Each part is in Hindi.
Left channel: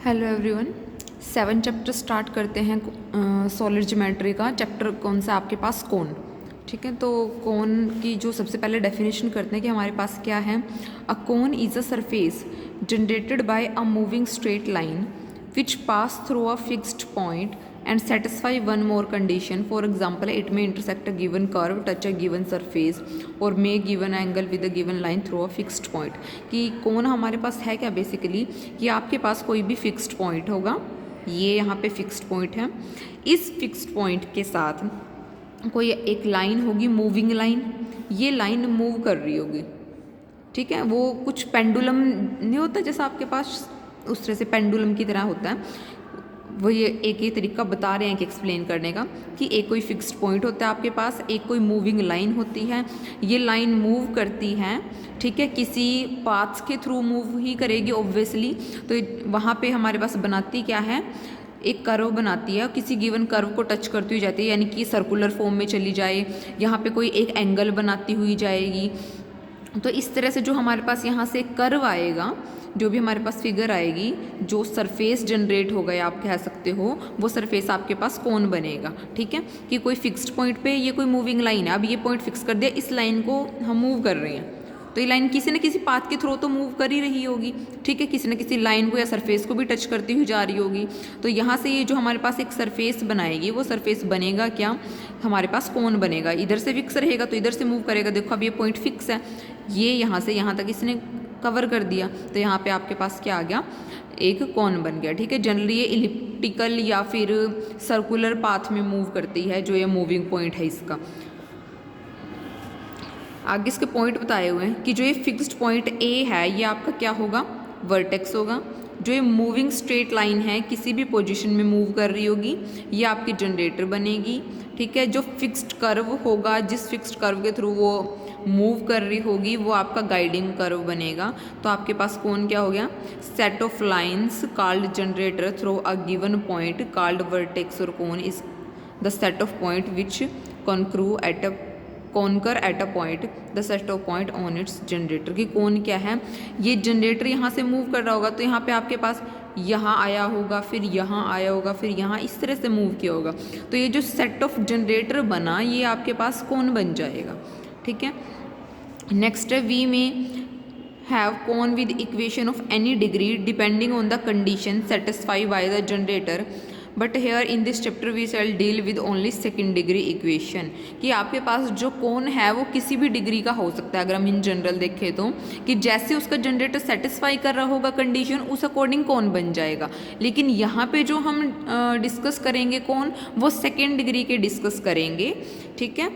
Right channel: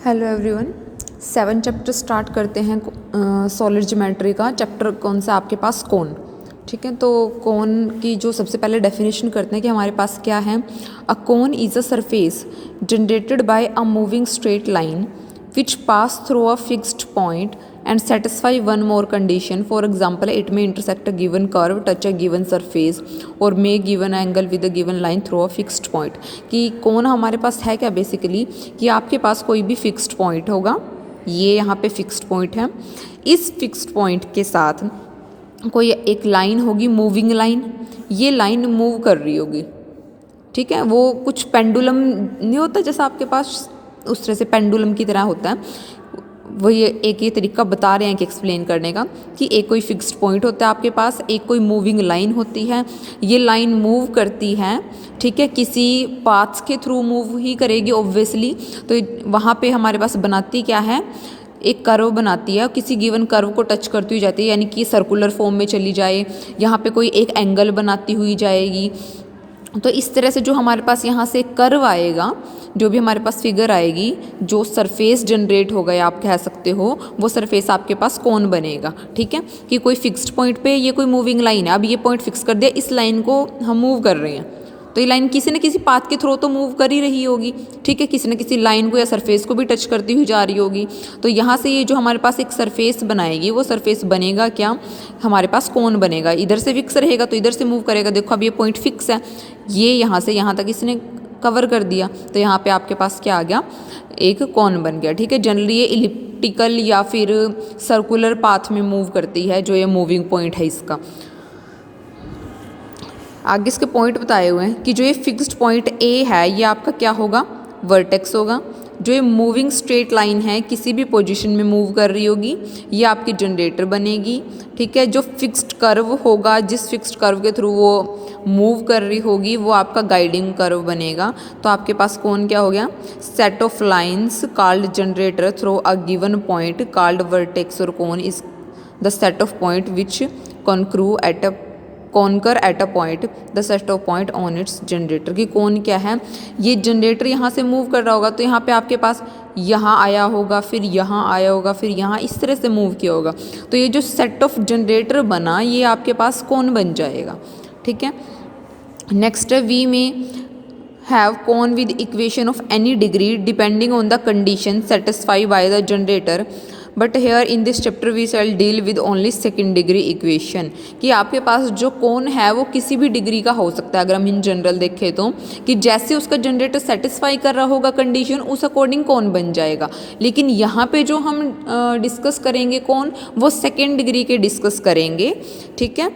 Hello everyone. 7 चैप्टर स्टार्ट करते हैं सॉलिड ज्योमेट्री का। चैप्टर कौन सा आपके पास? कोन। ठीक है, तो कोन की जो सबसे पहले डेफिनेशन करते हैं कि हमारे पास क्या है। A cone is a surface generated by a moving straight line which pass through a fixed point and satisfy one more condition. For example, it may intersect a given curve, touch a given surface or make given angle with a given line through a fixed point. कि कौन हमारे पास है क्या बेसिकली कि आपके पास कोई भी फिक्स्ड पॉइंट होगा, ये यहाँ पे फिक्स्ड पॉइंट है, इस फिक्स्ड पॉइंट के साथ कोई एक लाइन होगी, मूविंग लाइन, ये लाइन मूव कर रही होगी। ठीक है, वो कुछ पेंडुलम नहीं होता जैसा आपके पास, उस तरह से पेंडुलम की तरह होता है। वही एक ये तरीका बता रहे हैं कि एक्सप्लेन करने का कि एक कोई फिक्स्ड पॉइंट होता है आपके पास, एक कोई मूविंग लाइन होती है, ये लाइन मूव करती है। ठीक है, किसी पाथ्स के थ्रू मूव ही करेगी ऑब्वियसली। तो वहाँ पे हमारे पास बनाती क्या है, एक कर्व बनाती है, किसी गिवन कर्व को टच करती हुई जाती है, यानी कि सर्कुलर फॉर्म में चली जाए, यहाँ पे कोई एक एंगल बनाती हुई जाएगी। तो इस तरह से जो हमारे पास यहाँ से कर्व आएगा, जो भी हमारे पास फिगर आएगी, जो सरफेस जनरेट होगा या आप कह सकते हो, वो सरफेस आपके पास कौन बनेगा। ठीक है, कि कोई फिक्स्ड पॉइंट पे ये कोई मूविंग लाइन है, अब ये पॉइंट फिक्स कर दिया, इस लाइन को हम मूव कर रहे हैं, तो ये लाइन किसी न किसी पाथ के थ्रू तो मूव कर ही रही होगी। ठीक है, किसी न किसी लाइन को या सरफेस को भी टच करती हुई जा रही होगी। तो यहाँ से ये जो हमारे पास एक सरफेस बनाएगी, वो सरफेस बनेगा क्या, हमारे पास कौन बनेगा। इधर से फिक्स रहेगा तो इधर से मूव करेगा। देखो अब ये पॉइंट फिक्स है, ये यहाँ से यहाँ तक इसने कवर कर दिया, तो यहाँ पे आपके पास क्या आ गया, एक कौन बन गया। ठीक है, जनरली ये इलिप्टिकल या फिर सर्कुलर पाथ में मूव करती है, जो ये मूविंग पॉइंट है इसका। आगे इसके पॉइंट बताए हुए हैं कि जो ये फिक्स्ड पॉइंट ए है, ये आपका क्या होगा, वर्टेक्स होगा। जो ये मूविंग स्ट्रेट लाइन है, किसी भी पोजीशन में मूव कर रही होगी, ये आपकी जनरेटर बनेगी। ठीक है, जो फिक्स्ड कर्व होगा, जिस फिक्स्ड कर्व के थ्रू वो मूव कर रही होगी, वो आपका गाइडिंग कर्व बनेगा। तो आपके पास कौन क्या हो गया, set of lines called generator through a given point called vertex, और कौन is the set of point which conquer at a point the set of point on it's generator. की कौन क्या है, ये जनरेटर यहाँ से मूव कर रहा होगा, तो यहाँ पे आपके पास यहाँ आया होगा, फिर यहाँ आया होगा, फिर यहाँ, इस तरह से मूव किया होगा। तो ये जो सेट ऑफ जनरेटर बना, ये आपके पास कौन बन जाएगा। ठीक है, नेक्स्ट है वी में have cone with equation of any degree depending on the condition satisfied by the generator, but here in this chapter we shall deal with only second degree equation। कि आपके पास जो कोन है वो किसी भी डिग्री का हो सकता है। अगर हम इन जनरल देखें तो कि जैसे उसका जनरेटर सेटिस्फाई कर रहा होगा कंडीशन, उस अकॉर्डिंग कौन बन जाएगा। लेकिन यहाँ पे जो हम डिस्कस करेंगे कौन, वो सेकेंड डिग्री के डिस्कस करेंगे। ठीक है,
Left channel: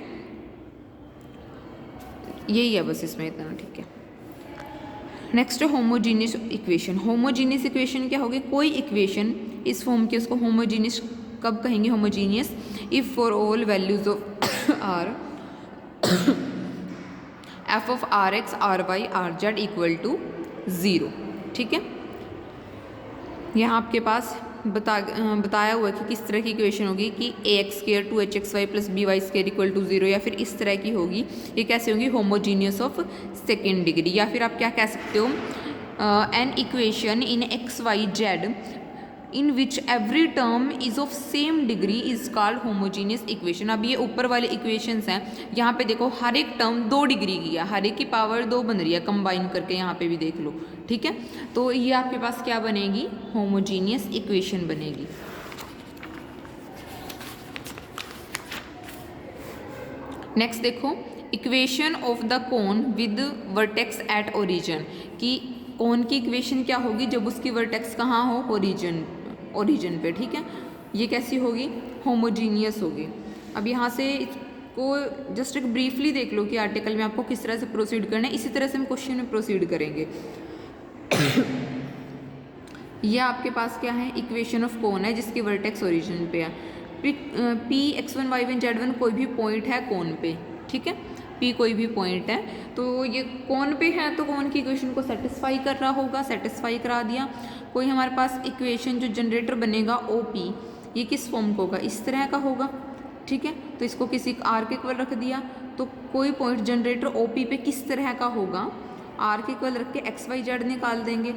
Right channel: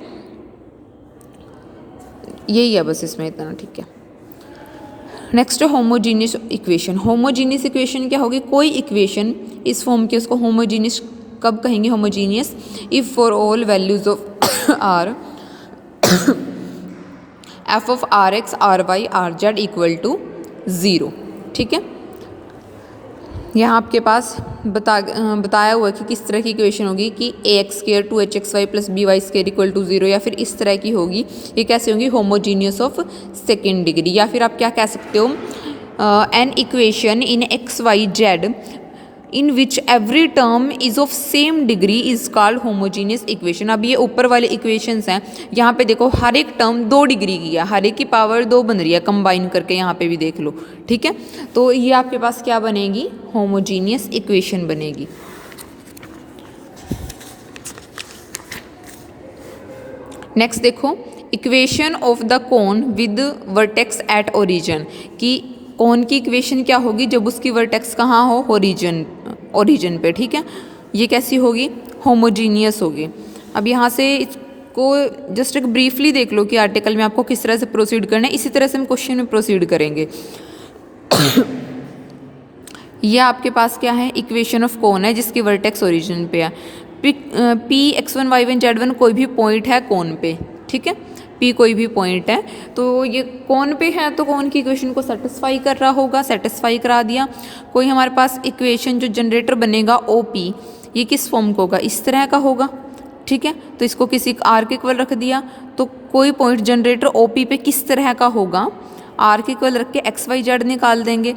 यही है बस इसमें इतना। ठीक है, नेक्स्ट है होमोजीनियस इक्वेशन। होमोजीनियस इक्वेशन क्या होगी, कोई इक्वेशन इस फॉर्म की, उसको होमोजीनियस कब कहेंगे, homogeneous if for all values of R F of R X R Y R Z equal to 0। ठीक है, यहाँ आपके पास बताया हुआ है कि किस तरह की इक्वेशन होगी कि A X square 2hxy plus B Y square equal to 0, या फिर इस तरह की होगी। ये कैसे होंगी, होमोजीनियस ऑफ सेकेंड डिग्री। या फिर आप क्या कह सकते हो, an equation in X Y Z in which every term is of same degree is called homogeneous equation. अब ये ऊपर वाले इक्वेशंस हैं, यहाँ पे देखो हर एक टर्म 2 डिग्री की है, हर एक की पावर 2 बन रही है कंबाइन करके, यहाँ पे भी देख लो। ठीक है, तो ये आपके पास क्या बनेगी, होमोजीनियस इक्वेशन बनेगी। नेक्स्ट देखो, equation of the cone with vertex at origin. कि कोन की इक्वेशन क्या होगी जब उसकी वर्टेक्स कहाँ हो, ओरिजिन पे। ठीक है, ये कैसी होगी, होमोजीनियस होगी। अब यहाँ से इसको जस्ट एक ब्रीफली देख लो कि आर्टिकल में आपको किस तरह से प्रोसीड करना है, इसी तरह से हम क्वेश्चन में प्रोसीड करेंगे। ये आपके पास क्या है, इक्वेशन ऑफ कोन है जिसकी वर्टेक्स ओरिजिन पे है। पी x1 y1 z1 कोई भी पॉइंट है कोन पे। ठीक है, पी कोई भी पॉइंट है, तो ये कौन पे है, तो कौन की इक्वेशन को सेटिस्फाई कर रहा होगा, सेटिस्फाई करा दिया। कोई हमारे पास इक्वेशन जो जनरेटर बनेगा ओ पी, ये किस फॉर्म का होगा, इस तरह का होगा। ठीक है, तो इसको किसी आर के इक्वल रख दिया, तो कोई पॉइंट जनरेटर ओ पी पे किस तरह का होगा, आर के इक्वल रख के एक्स वाई जेड निकाल देंगे।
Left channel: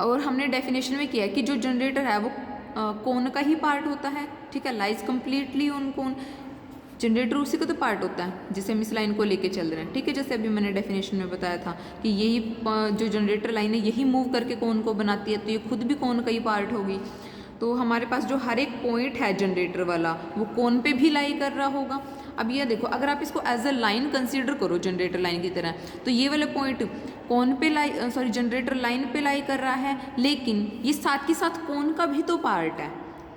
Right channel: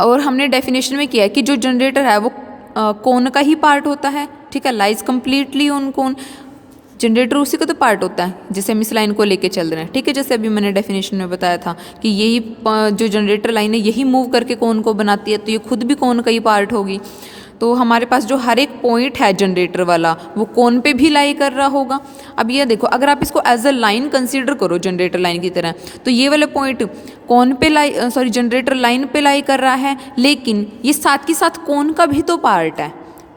और हमने डेफिनेशन में किया है कि जो जनरेटर है वो कोन का ही पार्ट होता है, ठीक है, lies completely on cone. Generator उसी का तो पार्ट होता है जैसे हम इस लाइन को लेके चल रहे हैं, ठीक है, जैसे अभी मैंने डेफिनेशन में बताया था कि यही जो जनरेटर लाइन है यही मूव करके कोन को बनाती है, तो ये खुद भी कोन का ही पार्ट होगी। तो हमारे पास जो हर एक पॉइंट है जनरेटर वाला वो कोन पे भी लाई कर रहा होगा। अब ये देखो, अगर आप इसको एज अ लाइन कंसीडर करो जनरेटर लाइन की तरह, तो ये वाले पॉइंट कोन पे जनरेटर लाइन पे लाई कर रहा है, लेकिन ये साथ के साथ कोन का भी तो पार्ट है,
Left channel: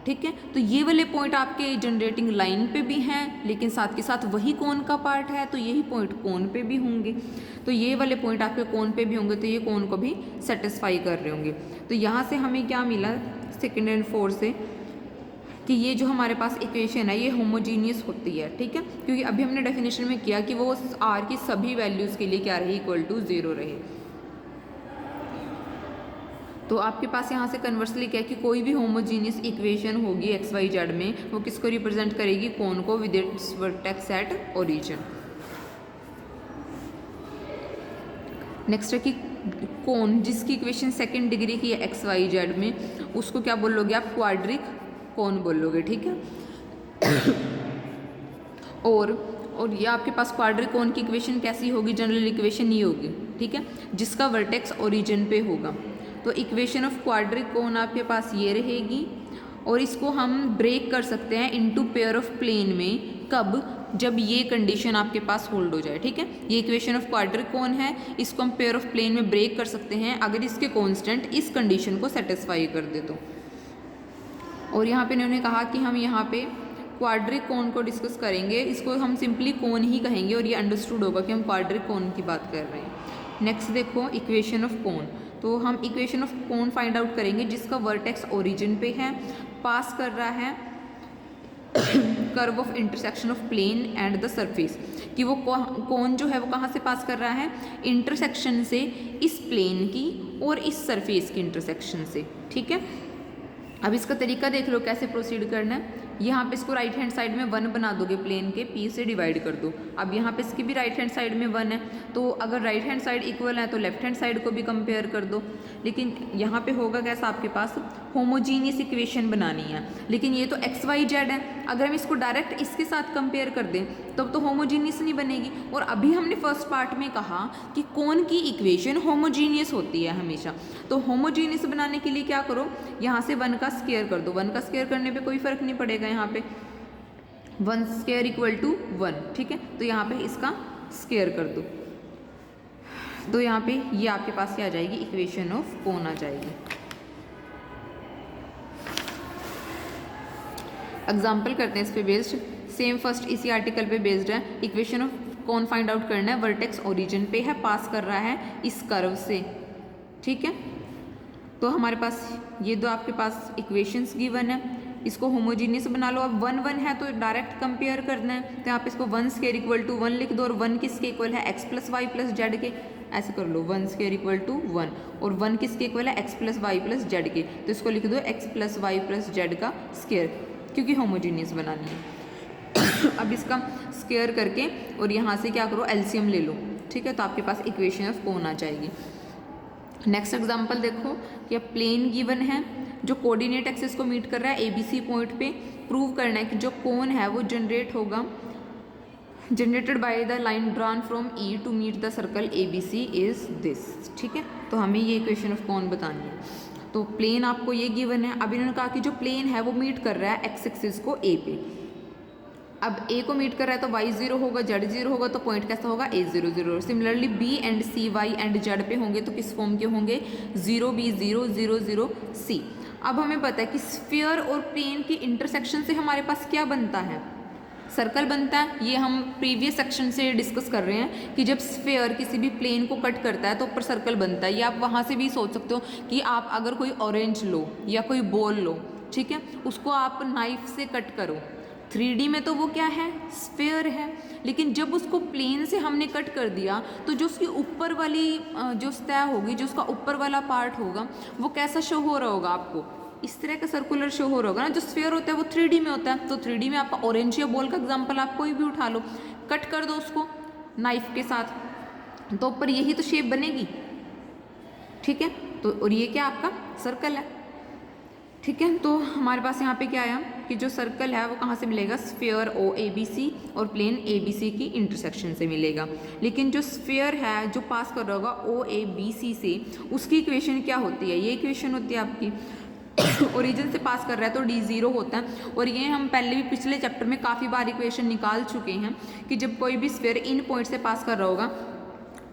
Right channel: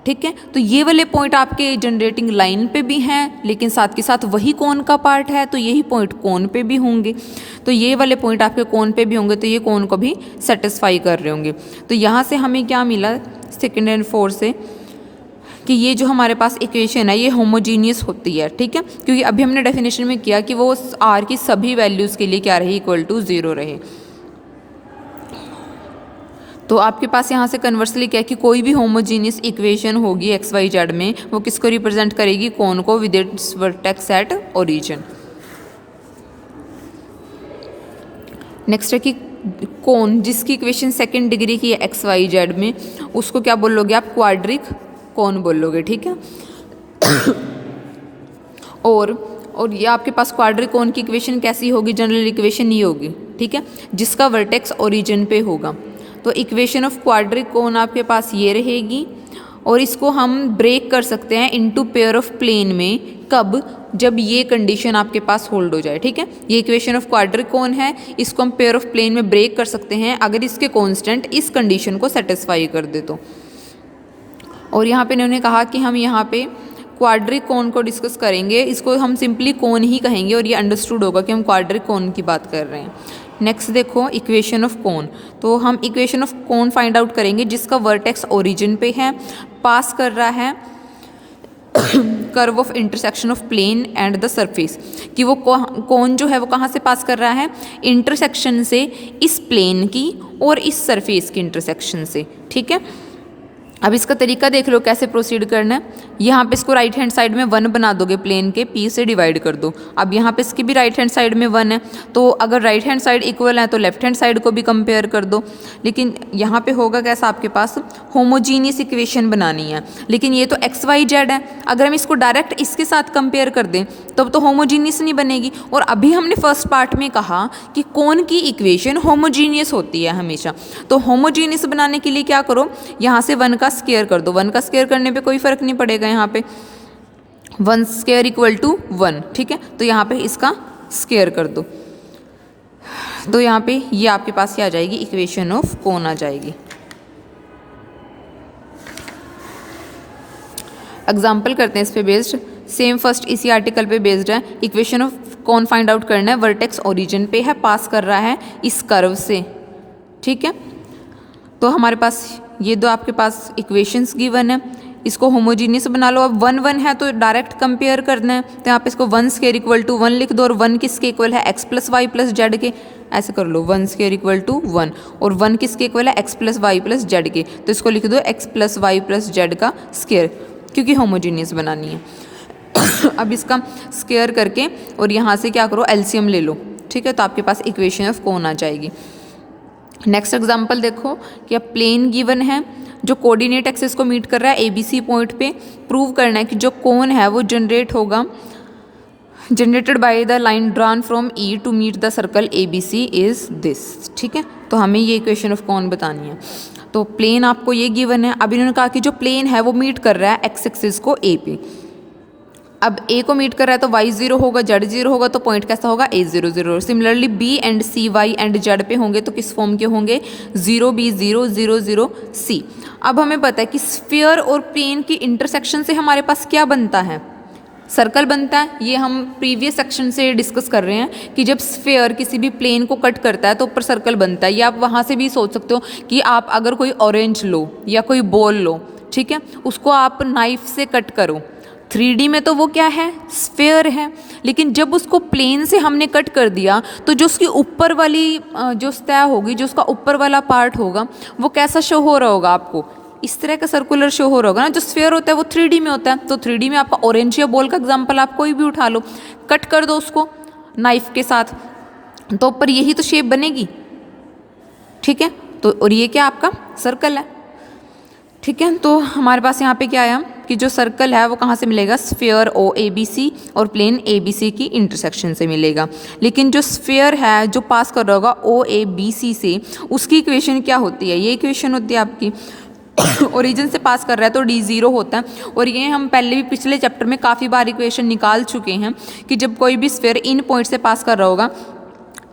ठीक है। तो ये वाले पॉइंट आपके जनरेटिंग लाइन पे भी हैं, लेकिन साथ के साथ वही कोन का पार्ट है, तो यही पॉइंट कोन पे भी होंगे। तो ये वाले पॉइंट आपके कोन पे भी होंगे, तो ये कोन को भी सेटिस्फाई कर रहे होंगे। तो यहाँ से हमें क्या मिला सेकेंड एंड फोर्थ से, कि ये जो हमारे पास इक्वेशन है ये होमोजीनियस होती है, ठीक है, क्योंकि अभी हमने डेफिनेशन में किया कि वो आर की सभी वैल्यूज़ के लिए क्या रहे, इक्वल टू 0 रहे। तो आपके पास यहाँ से कन्वर्सली क्या है कि कोई भी होमोजीनियस इक्वेशन होगी एक्स वाई जेड में, वो किसको रिप्रेजेंट करेगी, कोन को with its vertex at origin. Next है कि कोन जिसकी इक्वेशन सेकंड डिग्री की है एक्स वाई जेड में, उसको क्या बोलोगे आप, क्वाड्रिक कोन बोलोगे, ठीक है। और ये आपके पास क्वाड्रिक कोन की इक्वेशन कैसी होगी, जनरल इक्वेशन ये होगी, ठीक है, जिसका वर्टेक्स ओरिजिन पे होगा। तो इक्वेशन ऑफ क्वाड्रिक कोन आपके पास ये रहेगी, और इसको हम ब्रेक कर सकते हैं इनटू पेयर ऑफ प्लेन में, कब, जब ये कंडीशन आपके पास होल्ड हो जाए, ठीक है। ये इक्वेशन ऑफ क्वाड्रिक कोन है, इसको हम पेयर ऑफ प्लेन में ब्रेक कर सकते हैं अगर इसके कांस्टेंट इस कंडीशन को सेटिस्फाई कर दे तो। और यहाँ पे इन्होंने कहा कि हम यहाँ पे क्वाड्रिक कोन को डिस्कस करेंगे, इसको हम सिंपली कोन ही कहेंगे और ये अंडरस्टूड होगा कि हम क्वाड्रिक कोन की बात कर रहे हैं। नेक्स्ट देखो इक्वेशन ऑफ कोन, तो हम equation of cone find out करेंगे जिसका वर्टेक्स ओरिजिन पे है, पास कर रहा है curve of intersection of plane and the surface, कि वो कोन जो है वो कहाँ से पास कर रहा है, इंटरसेक्शन से इस प्लेन की और इस सरफेस की इंटरसेक्शन से, ठीक है। अब इसका तरीका देख लो कैसे प्रोसीड करना है। यहाँ पे इसको राइट हैंड साइड में 1 बना दोगे, प्लेन के p से डिवाइड कर दो। अब यहाँ पे इसकी भी राइट हैंड साइड में 1 है, तो अगर राइट हैंड साइड इक्वल है तो लेफ्ट हैंड साइड को भी कंपेयर कर दो। लेकिन यहाँ पे होगा कैसा, आपके पास होमोजीनियस इक्वेशन बनानी है, लेकिन ये तो एक्स वाई जेड है, अगर हम इसको डायरेक्ट इसके साथ कंपेयर कर दें तब तो होमोजीनियस नहीं बनेगी। और अभी हमने फर्स्ट पार्ट में कहा कि कोन की इक्वेशन होमोजीनियस होती है हमेशा, तो होमोजीनियस बनाने के लिए क्या करो, यहाँ से 1 का स्क्वायर कर दो। 1 का स्क्वायर करने पे कोई फर्क नहीं पड़ेगा, यहाँ पे 1 स्क्वायर इक्वल टू 1, ठीक है। तो यहाँ पे इसका स्क्वायर कर दो, तो यहाँ पे ये आपके पास क्या आ जाएगी, इक्वेशन ऑफ कोन आ जाएगी। एग्जाम्पल करते हैं इस पे बेस्ड, सेम फर्स्ट इसी आर्टिकल पे बेस्ड है। Equation of cone find out करना है, वर्टेक्स ओरिजिन पे है, पास कर रहा है इस कर्व से, ठीक है। तो हमारे पास ये दो आपके पास इक्वेशंस गिवन है, इसको होमोजीनियस बना लो। अब 1 1 है तो डायरेक्ट कंपेयर करना है, तो यहाँ पे इसको 1 स्क्वायर इक्वल टू 1 लिख दो, और 1 किसके इक्वल है, x plus Y plus Z के, ऐसे कर लो 1 स्क्वायर इक्वल टू 1, और 1 किसके इक्वल है, x plus Y plus Z के, तो इसको लिख दो x plus Y plus Z का स्क्वायर, क्योंकि होमोजीनियस बनानी है। अब इसका स्क्वायर करके और यहाँ से क्या करो, एलसीएम ले लो, ठीक है, तो आपके पास इक्वेशन ऑफ कोन आ जाएगी। नेक्स्ट एग्जांपल देखो कि अब प्लेन गिवन है जो कोऑर्डिनेट एक्सिस को मीट कर रहा है ABC पॉइंट पे, प्रूव करना है कि जो कोन है वो generated by the line drawn from E to meet the circle ABC is this, ठीक है। तो हमें ये इक्वेशन ऑफ कोन बतानी है। तो प्लेन आपको ये गिवन है, अब इन्होंने कहा कि जो प्लेन है वो मीट कर रहा है एक्स एक्सिस को A पे। अब A को मीट कर रहा है तो y 0 होगा, z 0 होगा, तो पॉइंट कैसा होगा, A 0 0। Similarly B and C y and z पे होंगे तो किस फॉर्म के होंगे, 0 B 0 0 0 C। अब हमें पता है कि स्फीयर और प्लेन की इंटरसेक्शन से हमारे पास क्या बनता है, सर्कल बनता है। ये हम प्रीवियस सेक्शन से डिस्कस कर रहे हैं कि जब स्फीयर किसी भी प्लेन को कट करता है तो ऊपर सर्कल बनता है। ये आप वहाँ से भी सोच सकते हो कि आप अगर कोई ऑरेंज लो या कोई बॉल लो, ठीक है, उसको आप नाइफ से कट करो, 3D में तो वो क्या है, स्फीयर है, लेकिन जब उसको प्लेन से हमने कट कर दिया तो जो उसकी ऊपर वाली जो सतह होगी, जो उसका ऊपर वाला पार्ट होगा, वो कैसा शो हो रहा होगा आपको, इस तरह का सर्कुलर शो हो रहा होगा ना। जो स्फीयर होता है वो 3D में होता है, तो 3D में आपका ऑरेंज या बॉल का एग्जांपल आप कोई भी उठा लो, कट कर दो उसको नाइफ के साथ, तो ऊपर यही तो शेप बनेगी, ठीक है। तो और ये क्या आपका सर्कल है, ठीक है। तो हमारे पास यहाँ पे क्या आया कि जो सर्कल है वो कहाँ से मिलेगा, sphere O A B C और प्लेन ए बी सी की इंटरसेक्शन से मिलेगा। लेकिन जो स्फीयर है जो पास कर रहा होगा ओ ए बी सी से, उसकी इक्वेशन क्या होती है, ये इक्वेशन होती है आपकी ओरिजिन से पास कर रहा है तो d0 होता है। और ये हम पहले भी पिछले चैप्टर में काफ़ी बार इक्वेशन निकाल चुके हैं कि जब कोई भी स्फीयर इन पॉइंट से पास कर रहा होगा,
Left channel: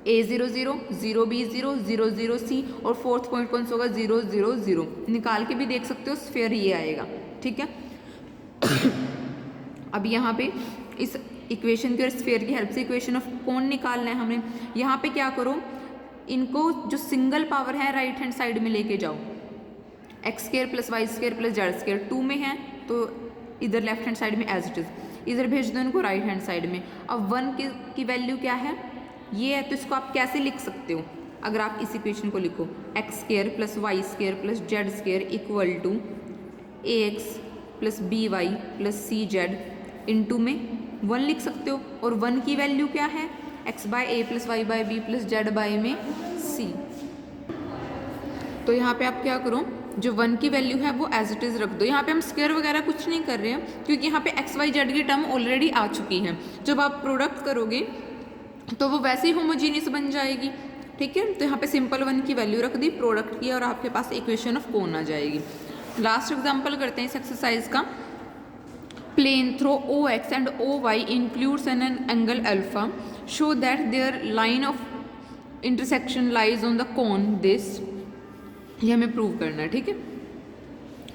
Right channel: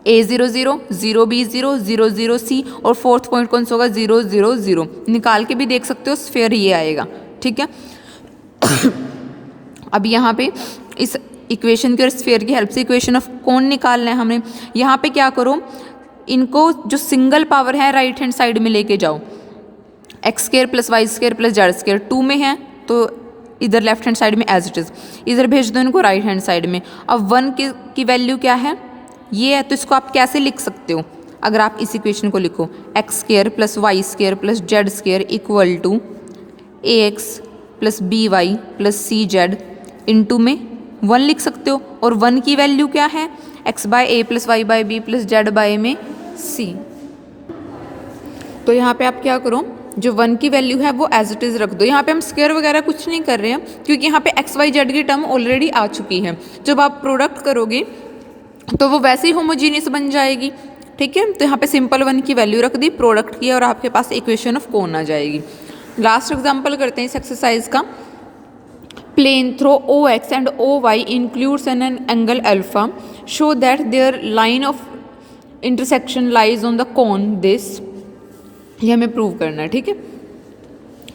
a0 0 0 b0 0 0 c और फोर्थ पॉइंट कौन सा होगा 0 0 0, निकाल के भी देख सकते हो, स्फीयर ये आएगा, ठीक है। अब यहाँ पे इस इक्वेशन की और स्फीयर की हेल्प से इक्वेशन ऑफ कोन निकालना है हमने। यहाँ पे क्या करो, इनको जो सिंगल पावर है राइट हैंड साइड में लेके जाओ, X square plus Y square plus Z square 2 में है तो इधर लेफ्ट हैंड साइड में एज इट इज़, इधर भेज दो इनको राइट हैंड साइड में। अब 1 की वैल्यू क्या है, ये है, तो इसको आप कैसे लिख सकते हो, अगर आप इस इक्वेशन को लिखो X square plus Y square plus Z square equal to A X plus B Y plus C Z into में 1 लिख सकते हो। और 1 की वैल्यू क्या है, X by A plus Y by B plus Z by में सी। तो यहाँ पे आप क्या करो, जो 1 की वैल्यू है वो एज इट इज़ रख दो। यहाँ पे हम स्क्वायर वगैरह कुछ नहीं कर रहे हैं क्योंकि यहाँ पे एक्स वाई जेड की टर्म ऑलरेडी आ चुकी है। जब आप प्रोडक्ट करोगे तो वो वैसे ही होमोजीनियस बन जाएगी, ठीक है। तो यहाँ पे सिंपल 1 की वैल्यू रख दी, प्रोडक्ट की, और आपके पास इक्वेशन ऑफ कोन आ जाएगी। लास्ट एग्जाम्पल करते हैं इस एक्सरसाइज का। Plane through O X and O Y includes an angle alpha, show that their line of intersection lies on the cone this. ये हमें प्रूव करना है, ठीक है,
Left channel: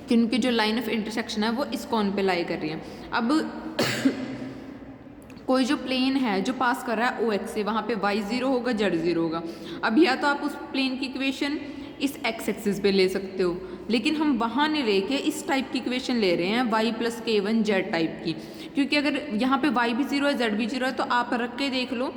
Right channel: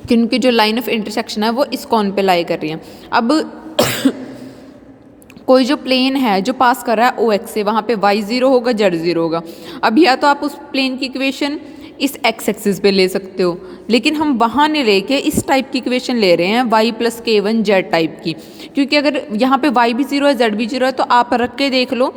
कि उनकी जो लाइन ऑफ इंटरसेक्शन है वो इस कोन पे लाई कर रही है। अब कोई जो प्लेन है जो पास कर रहा है ओ एक्स से, वहाँ पे वाई 0 होगा जेड 0 होगा। अब या तो आप उस प्लेन की इक्वेशन इस एक्स एक्सिस पे ले सकते हो, लेकिन हम वहाँ नहीं लेके इस टाइप की इक्वेशन ले रहे हैं Y plus k1 Z type की, क्योंकि अगर यहाँ पे वाई भी 0 है जेड भी 0 है तो आप रख के देख लो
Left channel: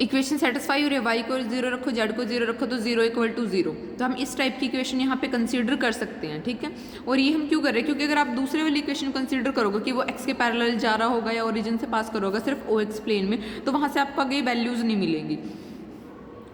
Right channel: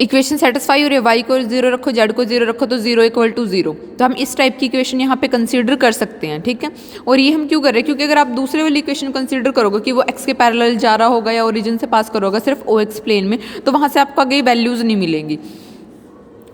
इक्वेशन सेटिस्फाई हो रही है, वाई को 0 रखो जेड को 0 रखो तो 0 इक्वल टू 0। तो हम इस टाइप की इक्वेशन यहाँ पे कंसीडर कर सकते हैं, ठीक है। और ये हम क्यों कर रहे हैं, क्योंकि अगर आप दूसरे वाली इक्वेशन कंसीडर करोगे कि वो एक्स के पैरेलल जा रहा होगा या ओरिजिन से पास करोगा सिर्फ ओ एक्स प्लेन में, तो वहाँ से आपको आगे वैल्यूज़ नहीं मिलेंगी,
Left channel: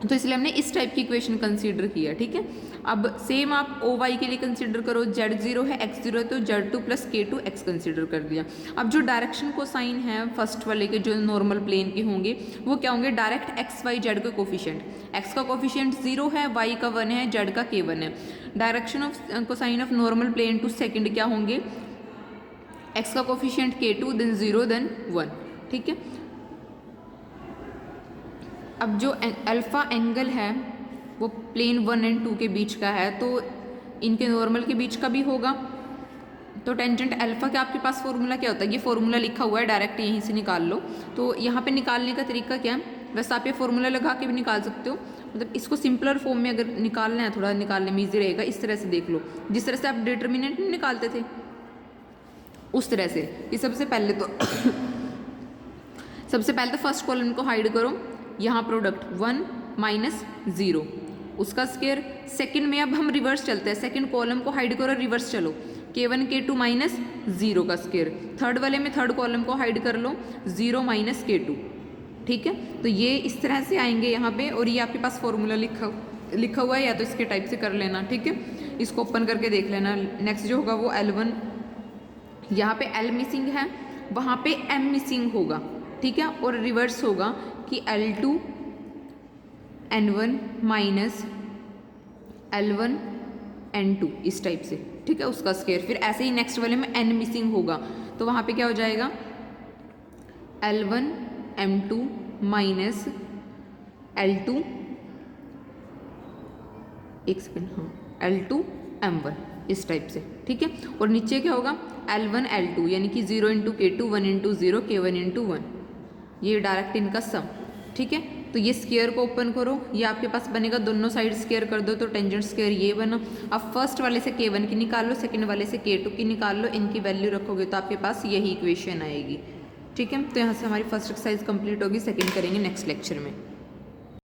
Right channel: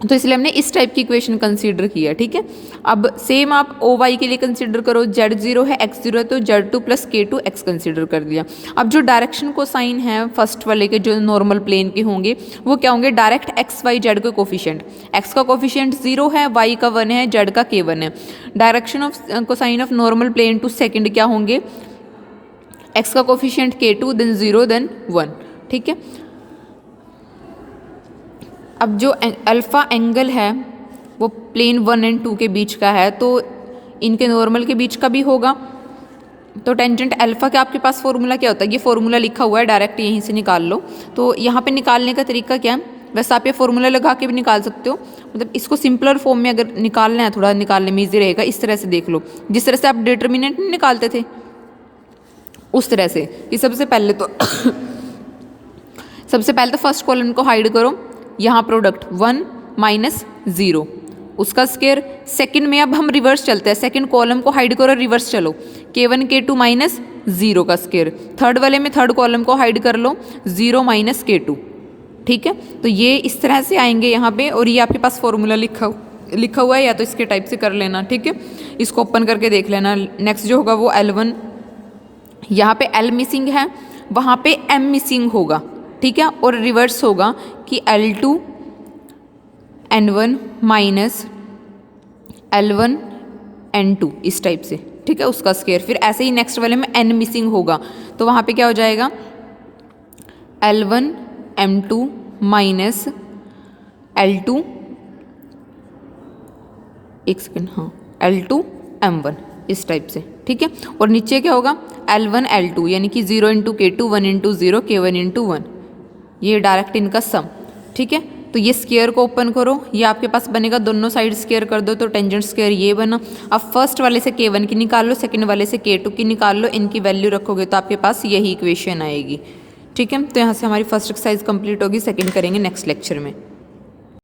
तो इसलिए हमने इस टाइप की इक्वेशन कंसीडर किया, ठीक है। अब सेम आप ओ वाई के लिए कंसीडर करो, जेड 0 है एक्स 0 है तो Z 2 plus k2 x consider कर दिया। अब जो डायरेक्शन को साइन है फर्स्ट वाले के जो नॉर्मल प्लेन के होंगे वो क्या होंगे, डायरेक्ट एक्स वाई जेड के कोफिशिएंट, एक्स का कोफिशिएंट 0 है, वाई का 1 है, जेड का k1 है। Direction of cosine of normal plane to second क्या होंगे, एक्स का कोफिशिएंट k2 देन 0 देन 1, ठीक है। अब जो अल्फ़ा एंगल है वो प्लेन 1 एंड 2 के बीच का है तो इनके नॉर्मल के बीच का भी होगा। तो टेंजेंट अल्फ़ा का आपके पास फॉर्मूला क्या होता है, ये फॉर्मूला लिखा हुआ है, डायरेक्ट यहीं से निकाल लो। तो यहाँ पे निकालने का तरीका क्या है, वैसे आप ये फॉर्मूला लगा के भी निकाल सकते हो, मतलब इसको सिंपलर फॉर्म में अगर निकालना है थोड़ा निकालने में ईजी रहेगा। इस तरह से देख लो, जिस तरह से आप डिटर्मिनेंट नहीं निकालते थे उस तरह से। कि सबसे पहले तो फर्स्ट कॉलम को हाइड करो, यहाँ प्रोडक्ट 1 माइनस 0 उसका स्क्वायर। सेकंड में अब हम रिवर्स चलते हैं, सेकंड कॉलम को हाइड करो, रिवर्स चलो, k1 k2 माइनस 0 का स्क्वायर। थर्ड वाले में थर्ड कॉलम को हाइड कर लो, 0 माइनस k2, ठीक है। तो ये इस तरह से आएंगे यहाँ पे, और ये आपके पास फॉर्मूला लिखा हुआ है, या तो इसके टाइप से कर लेना, ठीक है। इसको ओपन करके देख लेना। नेक्स्ट जो होगा वो L1, यहाँ पे L मिसिंग है, वहाँ पे M मिसिंग होगा, ठीक है। और रिवर्स होगा कि L2 N1 minus L1 N2 इस टाइप से, ठीक है, उसका स्क्वायर। फिर ऐसे ही नेक्स्ट वाले में N मिसिंग होगा तो वहाँ पे क्या हो जाएगा, L1 M2 माइनस L2, एक सेकेंड, हाँ, L2 M1 इस टाइप से, ठीक है। और नीचे क्या होगा, L1 L2 यानी कि 0 into k2 1 into 0 k1 into 1, ये डायरेक्ट इनका सम, ठीक है। तो ये स्क्वायर को ओपन करो, ये आपके पास बनेगा, दोनों साइड स्क्वायर कर दो तो टेंजेंट स्क्वायर ये बना। अब फर्स्ट वाले से k1 की निकाल लो, सेकंड वाले से k2 की निकाल लो, इनकी वैल्यू रखोगे तो आपके पास यही इक्वेशन आएगी, ठीक है। तो यहाँ से हमारी फर्स्ट एक्सरसाइज कंप्लीट होगी, सेकंड करेंगे नेक्स्ट लेक्चर में।